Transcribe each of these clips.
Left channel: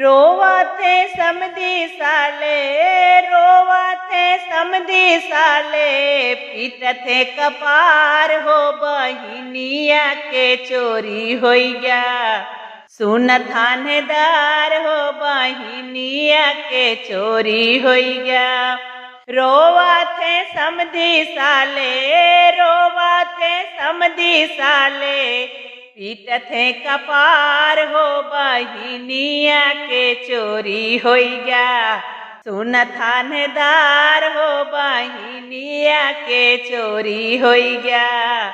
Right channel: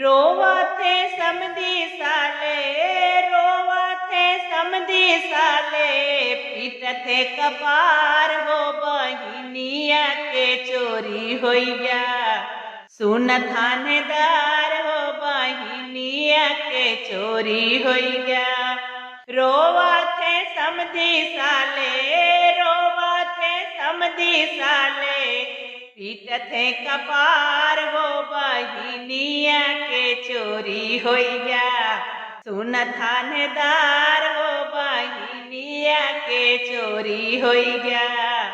रोवा थे समधी साले, रोवा थे समधी साले, पीट थे कपार हो बहिनिया के चोरी हो गया। सुन थानेदार हो बहिनिया के चोरी हो गया। रोवा थे समधी साले, रोवा थे समधी साले, पीट थे कपार हो बहिनिया के चोरी हो गया। सुन थानेदार हो बहिनिया के चोरी हो गया।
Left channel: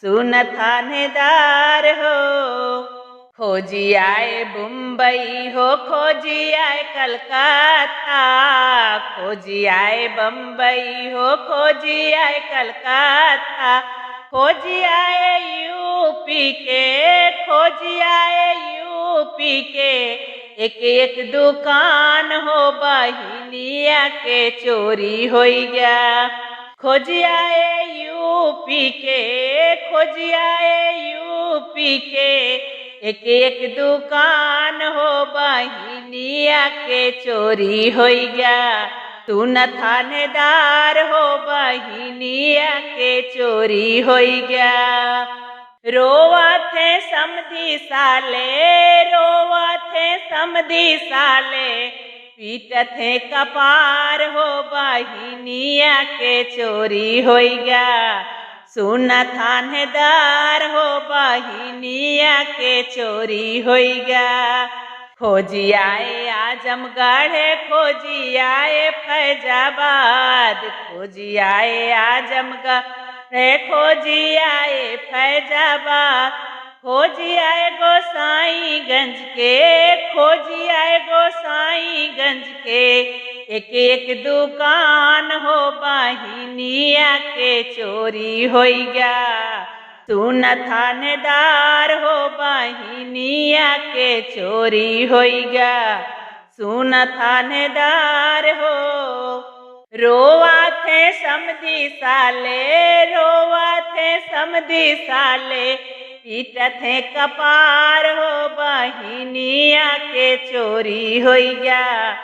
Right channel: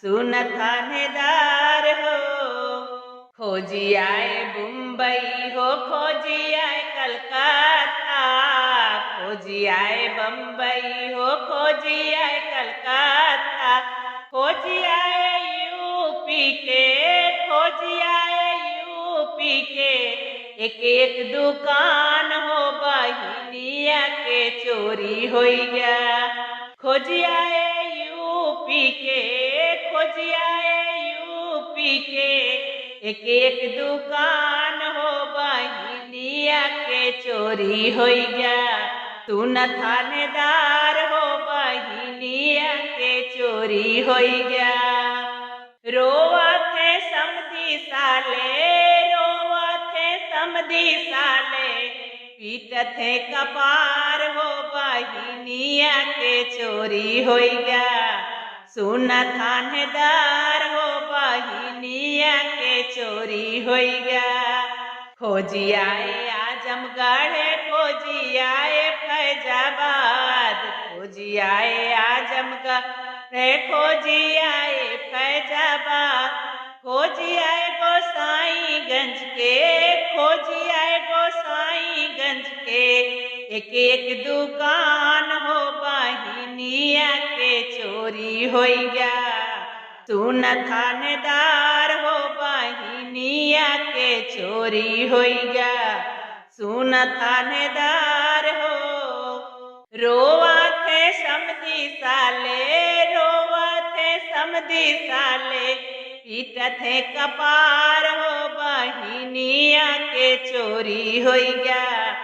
सुन थानेदार हो। खोजी आए मुंबई हो, खोजी आए कलकत्ता, खोजी आए बम्बई हो, खोजी आए कलकत्ता, खोजी आए यूपी के, खोजी आए यूपी के। एक एक दुकान हो बहिनिया के चोरी हो गया। खोजी आए यूपी के, खोजी आए यूपी के। एक एक दुकान हो बहिनिया के चोरी हो गया। सुन थानेदार हो बहिनिया के चोरी हो गया। रोवा थे समधी साले, रोवा थे समधी साले, पीट थे कपार हो बहिनिया के चोरी हो गया। सुन थानेदार हो बहिनिया के चोरी हो गया। खोजी आए आजमगढ़, खोजी आए फैजाबाद, खोजी आए आजमगढ़, खोजी आए फैजाबाद, खोजी आए गोसाईगंज के, खोजी आए गोसाईगंज के। एक एक दुकान हो बहिनिया के चोरी हो गया। सुन थानेदार हो बहिनिया के चोरी हो गया। सुन थानेदार हो। रोवा थे समधी साले, रोवा थे समधी साले, पीट थे कपार हो बहिनिया के चोरी हो गया।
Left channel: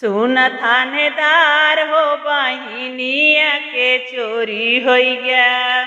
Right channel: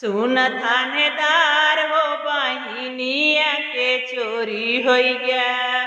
सुन थानेदार हो बहिनिया के चोरी हो गया।